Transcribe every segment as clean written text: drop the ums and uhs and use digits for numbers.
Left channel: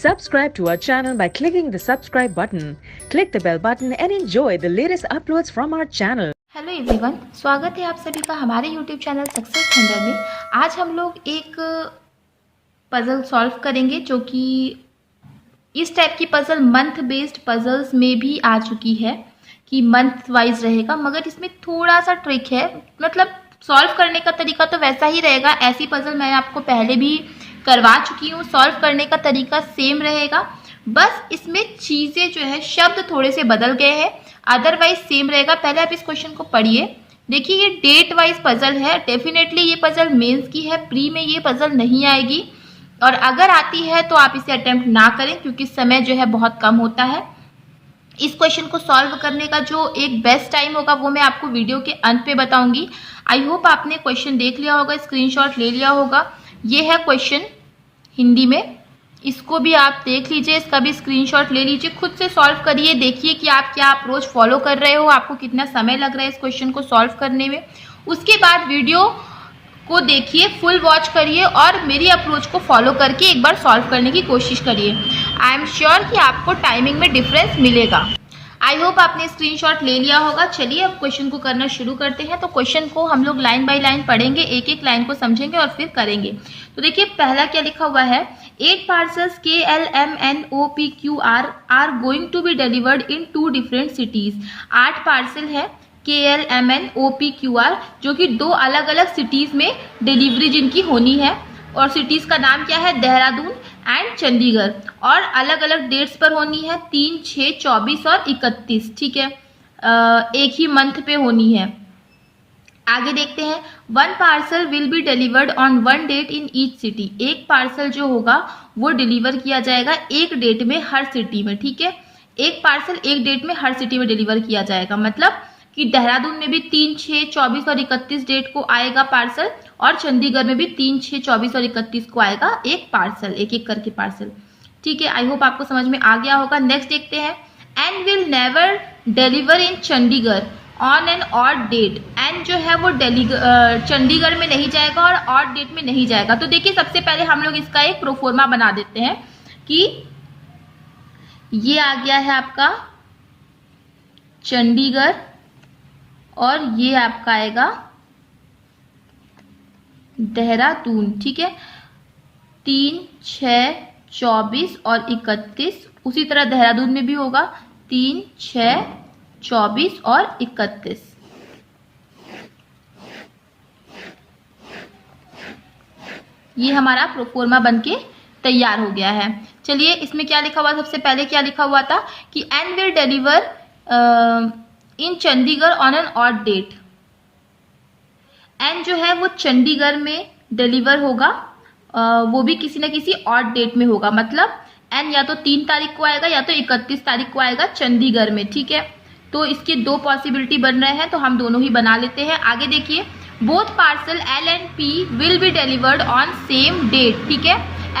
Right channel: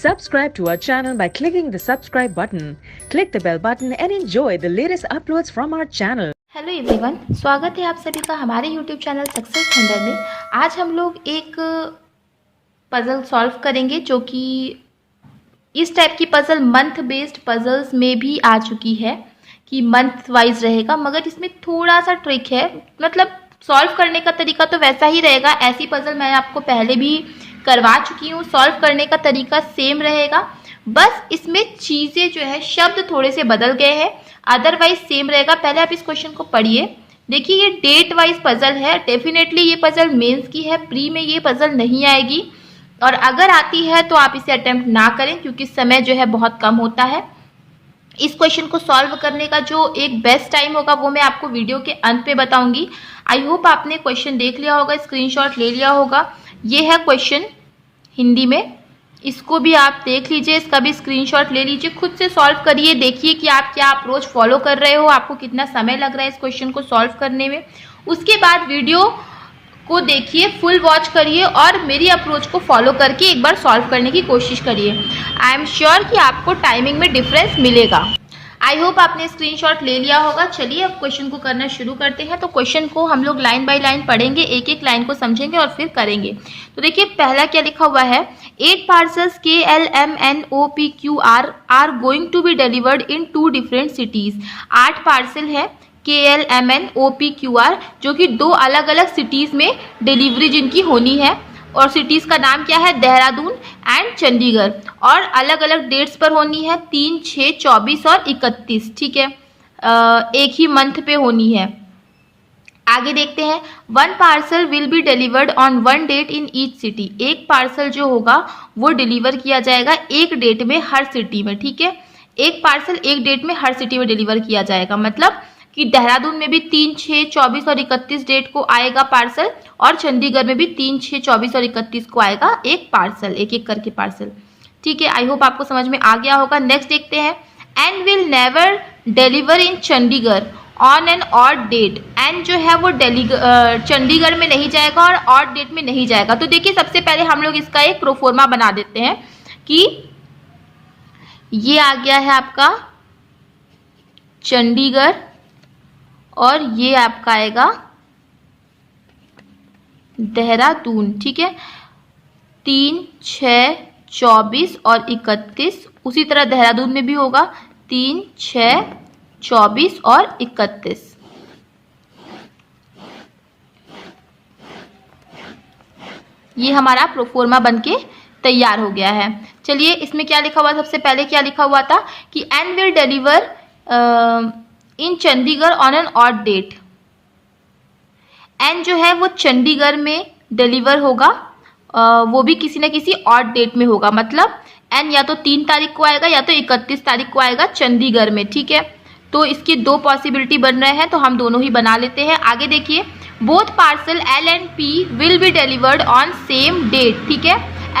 Subscribe to our channel by clicking the subscribe button. Click the bell button and enjoy the latest uploads from our channel. Hello everyone, स्वागत है आप सभी का हमारे YouTube channel success thunder में। आज हम लोग एक पज़ल सॉल्व करेंगे जो कि इस टाइप की पज़ल मंथ बेस्ड पज़ल्स में भी आ चुकी है कि मंथ वाइज रहेगा, मगर इसमें थोड़ा सा ट्रिक है। मतलब सॉल्व करने का तरीका तो वैसा ही रहेगा, ऐसी पज़ल मैं आपको पहले भी करवा चुकी हूँ, सॉल्व करने का तरीका सेम रहेगा, बस इसमें चीज़ें जो है शब्द थोड़े से बदल गए हैं, अदरवाइज सेम रहेगा। पहले आप इस क्वेश्चन को पढ़िए। देखिए ये डेट वाइज पजल है, डेफिनेटली ये पजल मेंस की है, प्री में ये पजल नहीं आएगी, और अगर आती है तो आप इसे अटेम्प्ट ना करें क्योंकि समय जो है बहुत कम होता है। इस क्वेश्चन को सॉल्व करने का जो एक बेस्ट टाइम होगा वो मैं आपको वीडियो के अंत पे बताऊंगी। आई होप आपने क्वेश्चन देख लिया होगा, स्क्रीनशॉट ले लिया होगा। ये है क्वेश्चन हिंदी में, इसको भी आप देख लीजिए, इसका भी स्क्रीनशॉट ले लीजिए, खुद से सॉल्व करिए, देखिए कि आप क्या अप्रोच फॉलो कर रहे हो, आपको कितना समय लग रहा है इस क्वेश्चन को सॉल्व करने में। उसके बाद वीडियो को देखिए, फुल वॉच करिए और मेरी अप्रोच को फॉलो करके एक बार सॉल्व करने की कोशिश करिए। आई एम श्योर कि आपको टाइमिंग में डिफरेंस मिलेगा। आई होप आपने स्क्रीनशॉट ले लिया होगा। चलिए अब क्वेश्चन को करना शुरू करते हैं। तो क्वेश्चन को हम लोग लाइन बाय लाइन पढ़ेंगे, एक एक लाइन को समझेंगे और फिर करेंगे। तो देखिए पहला क्या लिखा हुआ है, 8 parcels KLMNOPQR are going to be delivered in 2 different cities. 8 parcel है KLMNOPQR जो कि 2 अलग अलग सिटीज में डिलीवरी जिनकी होनी है, और सिटीज का नाम क्या है, देहरादून एंड चंडीगढ़, और अलग अलग डेट्स पर होनी है, 3, 6, 24 और 31। ठीक है, एक ही मंथ पे होनी है। आगे देखते हैं, 1 parcel will be delivered on 1 date in each city. एक पार्सल जो होगा वो डिलीवर किया जाएगा एक डेट में हर सिटी में। ठीक है, एक पार्सल एक डेट में हर सिटी में डिलीवर किया जाएगा, मतलब कि देहरादून में भी 3, 6, 24 और 31 डेट को आएगा पार्सल, और चंडीगढ़ में भी 3, 6, 24 और 31 को आएगा एक पार्सल, एक एक करके पार्सल। ठीक है, आई होप आपको समझ में आ गया होगा। नेक्स्ट देखते हैं, N will never deliver in Chandigarh on an odd date. N जो है वो चंडीगढ़ में नहीं जाएगा और ऑड डेट में नहीं जाएगा। तो देखिए सबसे पहले हम लोग इसका एक प्रोफोर्मा बना देते हैं कि ये आ गया है आपका चंडीगढ़ और ये आपका आएगा देहरादून। ठीक है, 3, 6, 24 और 31, उसी तरह देहरादून में भी होगा 3, 6, 24 और 31। ये हमारा प्रोफोर्मा बनके तैयार हो गया है। चलिए इसमें क्या लिखा हुआ, सबसे पहले क्या लिखा हुआ था कि N will deliver in Chandigarh on an odd date. N जो है वो चंडीगढ़ में डिलीवर होगा, वो भी किसी न किसी ऑड डेट में होगा, मतलब एंड या तो 3 तारीख को आएगा या तो 31 तारीख को आएगा चंडीगढ़ में। ठीक है, तो इसके 2 पॉसिबिलिटी बन रहे हैं, तो हम दोनों ही बना लेते हैं। आगे देखिए, both parcel L and P will be delivered on same date. ठीक है,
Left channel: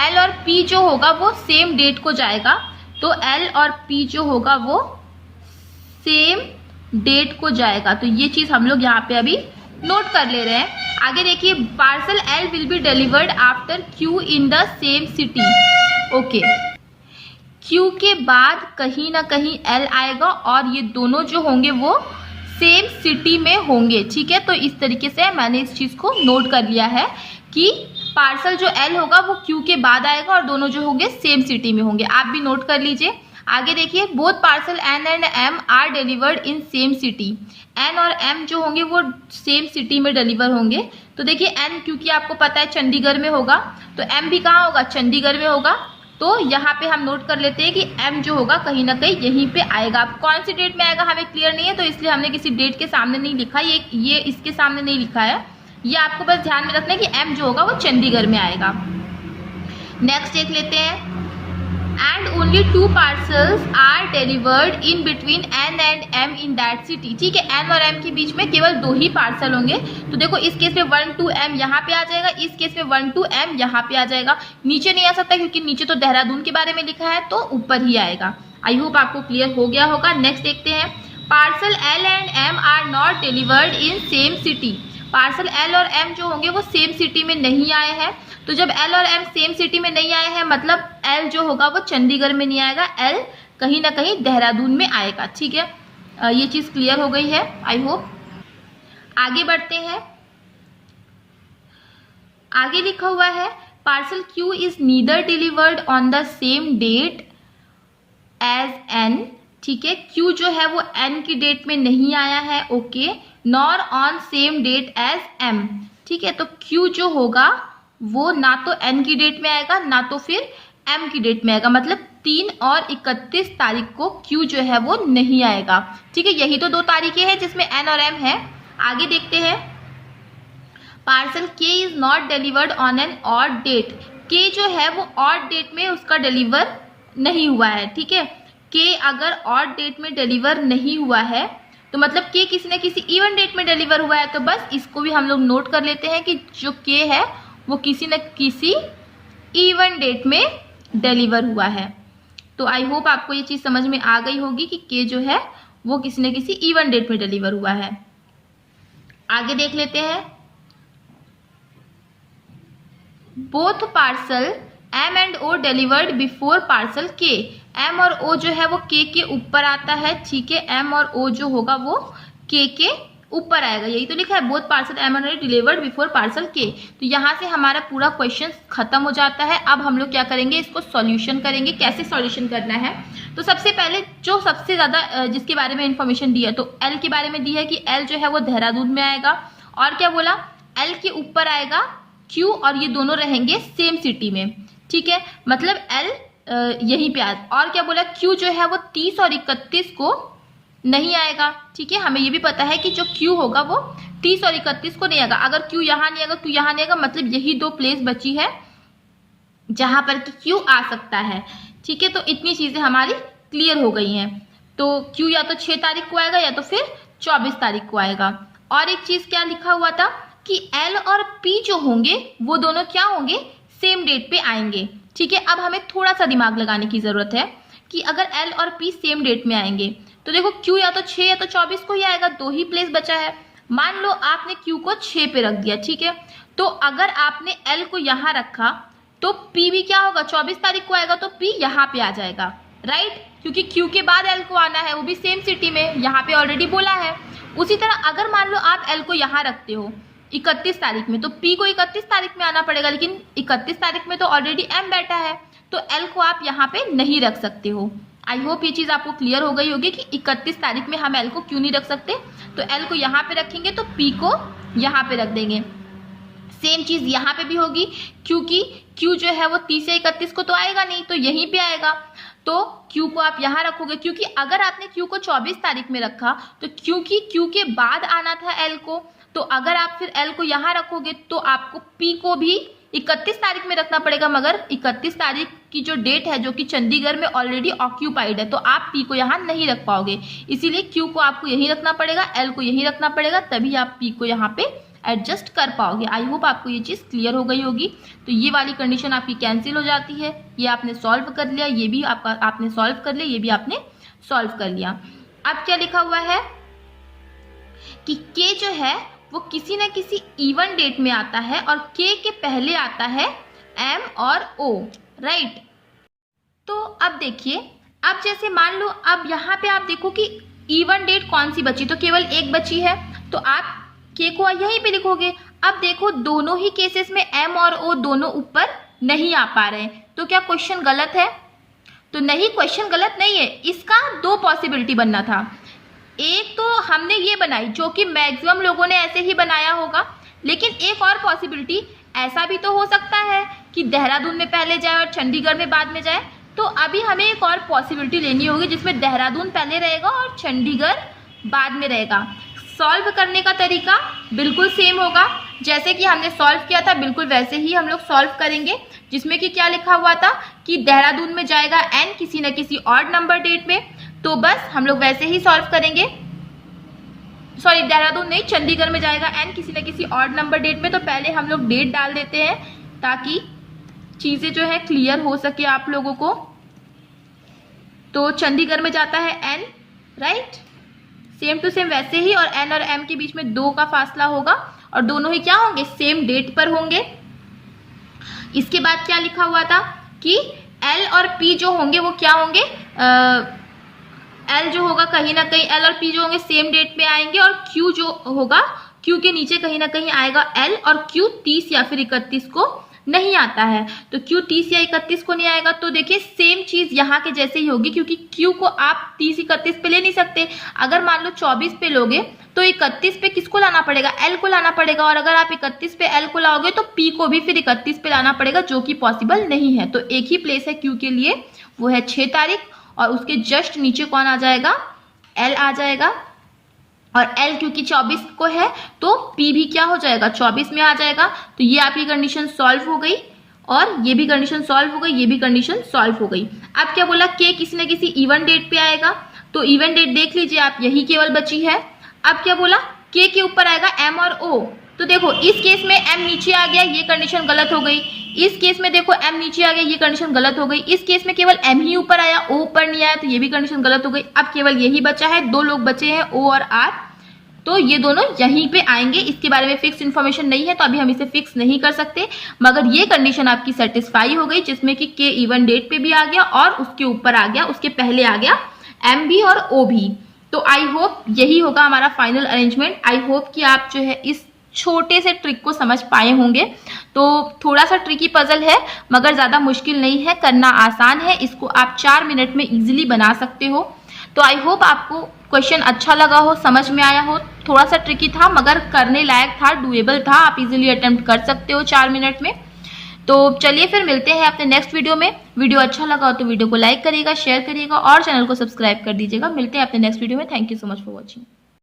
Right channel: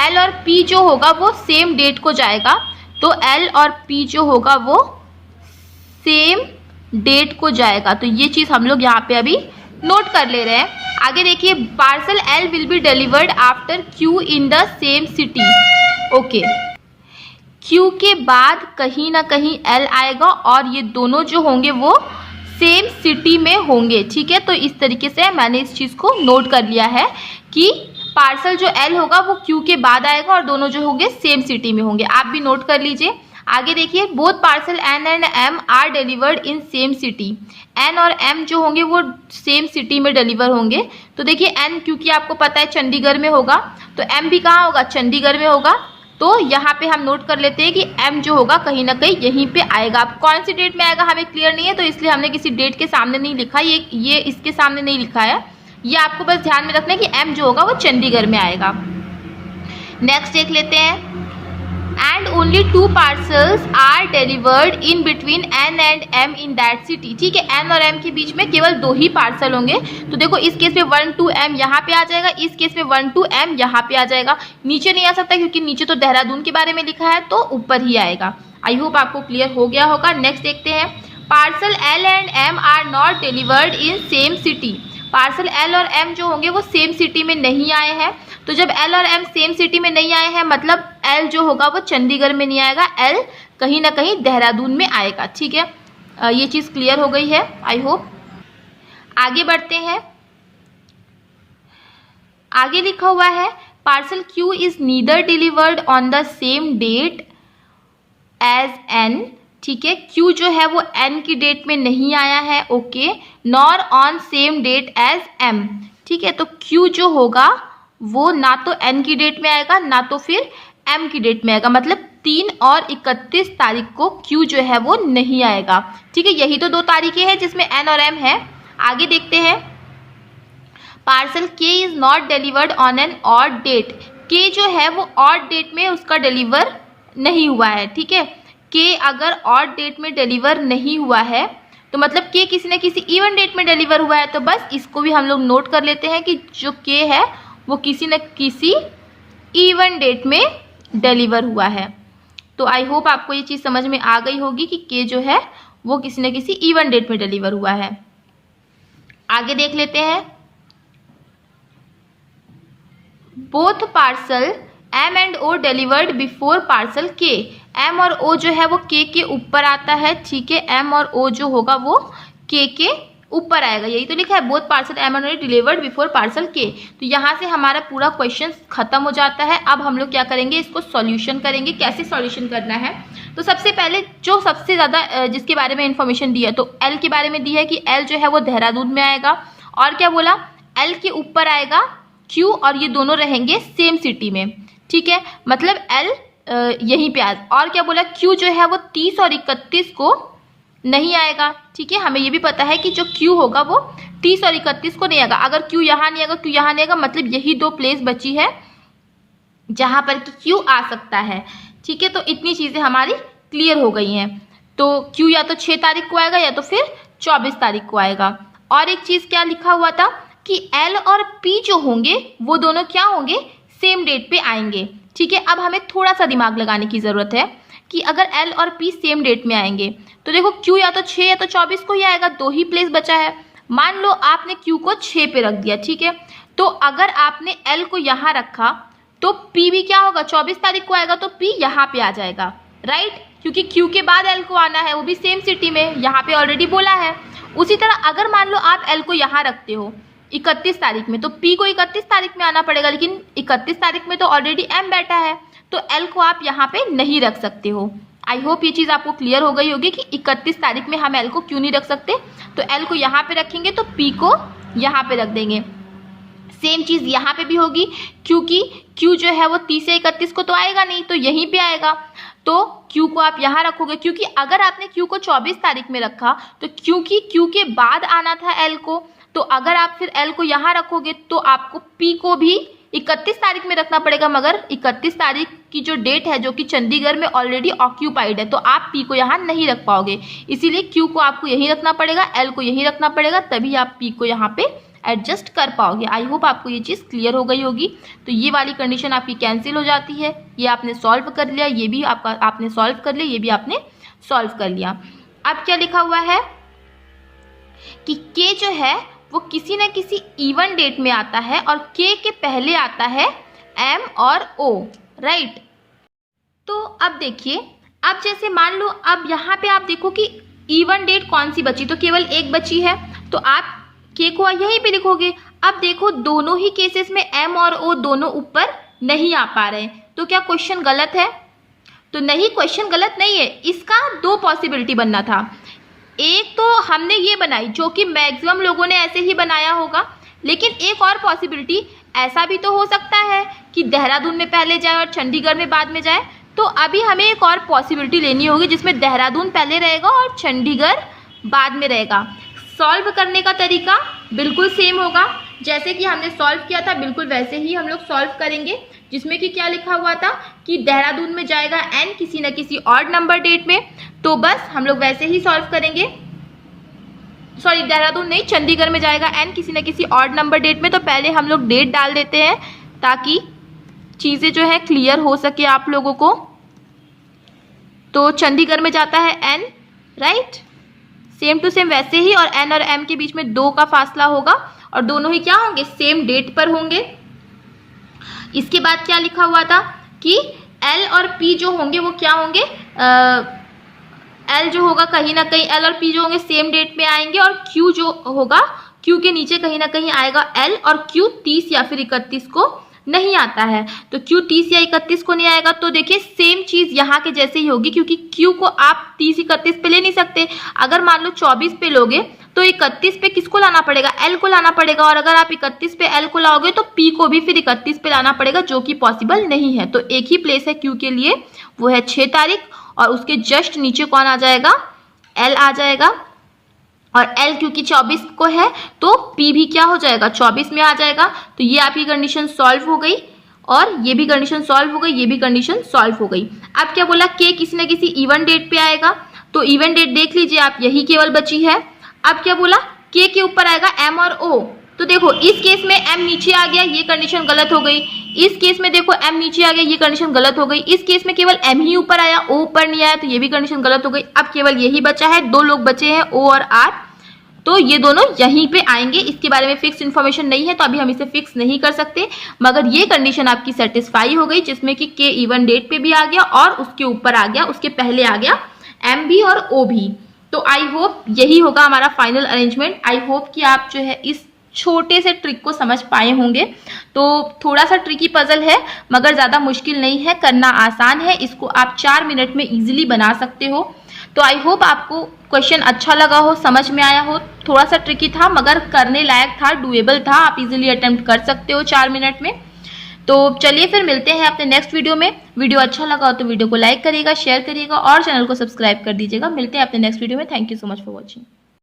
L और P जो होगा वो सेम डेट को जाएगा, तो L और P जो होगा वो सेम डेट को जाएगा। तो ये चीज हम लोग यहाँ पे अभी नोट कर ले रहे हैं। आगे देखिए, parcel L will be delivered after Q in the same city. Okay, Q के बाद कहीं ना कहीं L आएगा और ये दोनों जो होंगे वो सेम सिटी में होंगे। ठीक है, तो इस तरीके से मैंने इस चीज को नोट कर लिया है कि पार्सल जो L होगा वो Q के बाद आएगा और दोनों जो होंगे सेम सिटी में होंगे। आप भी नोट कर लीजिए। आगे देखिए, both parcel N and M are delivered in same city. N और M जो होंगे वो सेम सिटी में डिलीवर होंगे। तो देखिए N क्योंकि आपको पता है चंडीगढ़ में होगा, तो M भी कहाँ होगा, चंडीगढ़ में होगा। तो यहाँ पे हम नोट कर लेते हैं कि M जो होगा कहीं ना कहीं यहीं पे आएगा। अब कौन सी डेट में आएगा हमें क्लियर नहीं है, तो इसलिए हमने किसी डेट के सामने नहीं लिखा, ये इसके सामने नहीं लिखा है। ये आपको बस ध्यान में रखना है कि M जो होगा वो चंडीगढ़ में आएगा। नेक्स्ट देख लेते हैं, and only 2 parcels are delivered in between N and M in that city। ठीक है, N और M के बीच में केवल 2 ही पार्सल होंगे। तो देखो इस केस में 1 to M यहाँ पे आ जाएगा, इस केस में 1 to M यहाँ पे आ जाएगा। नीचे नहीं आ सकता क्योंकि नीचे तो देहरादून के बारे में लिखा है, तो ऊपर ही आएगा। आई होप आपको क्लियर हो गया होगा। नेक्स्ट देखते हैं, parcel L and M are not delivered in same city. Parcel L और एम जो होंगे वो सेम सिटी में नहीं आए हैं। तो जब एल और एम सेम सिटी में नहीं आए हैं मतलब एल जो होगा वो चंडीगढ़ में नहीं आएगा, एल कहीं ना कहीं देहरादून में आएगा। ठीक है, ये चीज़ क्लियर हो गई है आई होप। आगे बढ़ते हैं। आगे लिखा हुआ है parcel Q is neither delivered on the same date as N. ठीक है, क्यू जो है वो एन की डेट में नहीं आया है, okay, nor on same date as M. ठीक है, तो क्यू जो होगा वो ना तो एन की डेट में आएगा ना तो फिर एम की डेट में आएगा, मतलब 3 और 31 तारीख को क्यू जो है वो नहीं आएगा। ठीक है, यही तो 2 तारीखें हैं जिसमें एन और एम है। आगे देखते हैं। Parcel K is not delivered on an odd date. K जो है वो ऑड डेट में उसका डिलीवर नहीं हुआ है। ठीक है, के अगर ऑड डेट में डिलीवर नहीं हुआ है तो मतलब के किसी न किसी इवन डेट में डिलीवर हुआ है, तो बस इसको भी हम लोग नोट कर लेते हैं कि जो के है वो किसी न किसी इवन डेट में डिलीवर हुआ है। तो आई होप आपको ये चीज़ समझ में आ गई होगी कि के जो है वो किसी न किसी इवन डेट में डिलीवर हुआ है। आगे देख लेते हैं। Both parcel M and O delivered before parcel K. M और ओ जो है वो के ऊपर आता है। ठीक है, एम और ओ जो होगा वो के ऊपर आएगा, यही तो लिखा है both parcel M and O delivered before parcel K. तो यहाँ से हमारा पूरा क्वेश्चन खत्म हो जाता है। अब हम लोग क्या करेंगे, इसको सॉल्यूशन करेंगे। कैसे सॉल्यूशन करना है, तो सबसे पहले जो सबसे ज़्यादा जिसके बारे में इंफॉर्मेशन दी है तो एल के बारे में दी है कि एल जो है वो देहरादून में आएगा। और क्या बोला, एल के ऊपर आएगा क्यू और ये दोनों रहेंगे सेम सिटी में। ठीक है, मतलब एल यहीं पे आएगा। और क्या बोला, क्यू जो है वो 30 और 31 को नहीं आएगा। ठीक है, हमें ये भी पता है कि जो क्यू होगा वो 30 और 31 को नहीं आएगा। अगर क्यू यहाँ नहीं आएगा, क्यू यहाँ नहीं आएगा, मतलब यही 2 प्लेस बची है जहां पर कि क्यू आ सकता है। ठीक है, तो इतनी चीजें हमारी क्लियर हो गई हैं। तो क्यू या तो 6 तारीख को आएगा या तो फिर 24 तारीख को आएगा। और एक चीज क्या लिखा हुआ था कि एल और पी जो होंगे वो दोनों क्या होंगे, सेम डेट पे आएंगे। ठीक है, अब हमें थोड़ा सा दिमाग लगाने की जरूरत है कि अगर एल और पी सेम डेट में आएंगे तो देखो क्यू या तो 6 या तो 24 को ही आएगा, 2 ही प्लेस बचा है। मान लो आपने क्यू को 6 पे रख दिया। ठीक है, तो अगर आपने एल को यहाँ रखा तो पी भी क्या होगा, 24 तारीख को आएगा, तो पी यहाँ पे आ जाएगा, राइट, क्योंकि क्यू के बाद एल को आना है, वो भी सेम सिटी में, यहाँ पे ऑलरेडी बोला है। उसी तरह अगर मान लो आप एल को यहाँ रखते हो 31 तारीख में तो पी को 31 तारीख में आना पड़ेगा, लेकिन 31 तारीख में तो ऑलरेडी एम बैठा है, तो एल को आप यहाँ पे नहीं रख सकते हो। आई होप ये चीज़ आपको क्लियर हो गई होगी कि 31 तारीख में हम एल को क्यों नहीं रख सकते। तो एल को यहाँ पे रखेंगे तो पी को यहाँ पे रख देंगे। सेम चीज़ यहाँ पे भी होगी, क्योंकि क्यू जो है वो 30 से 31 को तो आएगा नहीं, तो यहीं पे आएगा। तो क्यू को आप यहाँ रखोगे, क्योंकि अगर आपने क्यू को 24 तारीख में रखा तो क्योंकि क्यू के बाद आना था एल को, तो अगर आप फिर एल को यहाँ रखोगे तो आपको पी को भी 31 तारीख में रखना पड़ेगा, मगर 31 तारीख की जो डेट है जो कि चंडीगढ़ में ऑलरेडी ऑक्यूपाइड है, तो आप पी को यहाँ नहीं रख पाओगे। इसीलिए क्यू को आपको यहीं रखना पड़ेगा, एल को यहीं रखना पड़ेगा, तभी आप पी को यहाँ पे एडजस्ट कर पाओगे। आई होप आपको ये चीज़ क्लियर हो गई होगी। तो ये वाली कंडीशन आपकी कैंसिल हो जाती है, ये आपने सॉल्व कर लिया, ये भी आपने सॉल्व कर लिया, ये भी आपने सॉल्व कर लिया। अब क्या लिखा हुआ है कि के जो है वो किसी न किसी इवन डेट में आता है और के पहले आता है एम और ओ, राइट। तो अब देखिए, अब जैसे मान लो अब यहाँ पे आप देखो कि इवन डेट कौन सी बची, तो केवल एक बची है, तो आप के को यहीं पे लिखोगे। अब देखो दोनों ही केसेस में एम और ओ दोनों ऊपर नहीं आ पा रहे, तो क्या क्वेश्चन गलत है? तो नहीं, क्वेश्चन गलत नहीं है। इसका 2 पॉसिबिलिटी बनना था। एक तो हमने ये बनाई जो कि मैक्सिमम लोगों ने ऐसे ही बनाया होगा, लेकिन एक और पॉसिबिलिटी ऐसा भी तो हो सकता है कि देहरादून में पहले जाए और चंडीगढ़ में बाद में जाए। तो अभी हमें एक और पॉसिबिलिटी लेनी होगी जिसमें देहरादून पहले रहेगा और चंडीगढ़ बाद में रहेगा। सॉल्व करने का तरीका बिल्कुल सेम होगा, जैसे कि हमने सॉल्व किया था बिल्कुल वैसे ही हम लोग सॉल्व करेंगे, जिसमें कि क्या लिखा हुआ था कि देहरादून में जाएगा एन किसी न किसी ऑड नंबर डेट में, तो बस हम लोग वैसे ही सॉल्व करेंगे। सॉरी, देहरादून नहीं, चंडीगढ़ में जाएगा एन किसी न किसी ऑड नंबर डेट में, तो पहले हम लोग डेट डाल देते हैं ताकि चीज़ें जो है क्लियर हो सके आप लोगों को। तो चंडीगढ़ में जाता है N, right. Same to same वैसे ही, और एन और एम के बीच में 2 का फासला होगा और दोनों ही क्या होंगे, सेम डेट पर होंगे। इसके बाद क्या लिखा हुआ था कि एल और पी जो होंगे वो क्या होंगे, एल जो होगा कहीं ना कहीं, एल और पी जो होंगे सेम डेट पे आएंगे, और क्यू जो होगा, क्यू के नीचे कहीं ना कहीं आएगा एल, और क्यू 30 या फिर 31 को नहीं आता है। तो क्यू 30 या 31 को नहीं आएगा, तो देखिए सेम चीज यहाँ के जैसे ही होगी, क्योंकि क्यू को आप 30-31 पे ले नहीं सकते। अगर मान लो 24 पे लोगे तो 31 पे किसको लाना पड़ेगा, एल को लाना पड़ेगा, और अगर आप 31 पे एल को लाओगे तो पी को भी फिर 31 पे लाना पड़ेगा, जो कि पॉसिबल नहीं है। तो एक ही प्लेस है क्यू के लिए, वो है 6 तारीख, और उसके जस्ट नीचे कौन आ जाएगा, एल आ जाएगा, और एल क्योंकि 24 को है तो पी भी क्या हो जाएगा, 24 में आ जाएगा। तो ये आपकी कंडीशन सॉल्व हो गई, और ये भी कंडीशन सॉल्व हो गई, ये भी कंडीशन सॉल्व हो गई। अब क्या बोला, के किसी न किसी इवन डेट पे आएगा, तो इवन डेट देख लीजिए आप, यही केवल बची है। अब क्या बोला, के ऊपर आएगा एम और ओ, तो देखो इस केस में एम नीचे आ गया, ये कंडीशन गलत हो गई। इस केस में देखो एम नीचे आ गया, ये कंडीशन गलत हो गई। इस केस में केवल एम ही ऊपर आया, ओ ऊपर नहीं आया, तो ये भी कंडीशन गलत हो गई। अब केवल यही बचा है, 2 लोग बचे हैं, ओ और आर, तो ये दोनों यहीं पे आएंगे। इसके बारे में फिक्स इन्फॉर्मेशन नहीं है, तो अभी हम इसे फिक्स नहीं कर सकते, मगर ये कंडीशन आपकी सेटिस्फाई हो गई, जिसमें कि के इवन डेट पे भी आ गया और उसके ऊपर आ गया, उसके पहले आ गया एम भी और ओ भी। तो आई होप यही होगा हमारा फाइनल अरेंजमेंट। आई होप कि आप जो है इस छोटे से ट्रिक को समझ पाए होंगे। तो थोड़ा सा ट्रिकी पजल है, मगर ज़्यादा मुश्किल नहीं है, करना आसान है। इसको आप 4 मिनट में इजीली बना सकते हो। तो आई होप आपको क्वेश्चन अच्छा लगा हो, समझ में आया हो। थोड़ा सा ट्रिकी था मगर करने लायक था, डुएबल था, आप इजीली अटेम्प्ट कर सकते हो 4 मिनट में। तो चलिए फिर मिलते हैं अपने नेक्स्ट वीडियो में। वीडियो अच्छा लगा हो तो वीडियो को लाइक करिएगा, शेयर करिएगा और चैनल को सब्सक्राइब कर दीजिएगा। मिलते हैं अपने नेक्स्ट वीडियो में। Thank you so much for watching.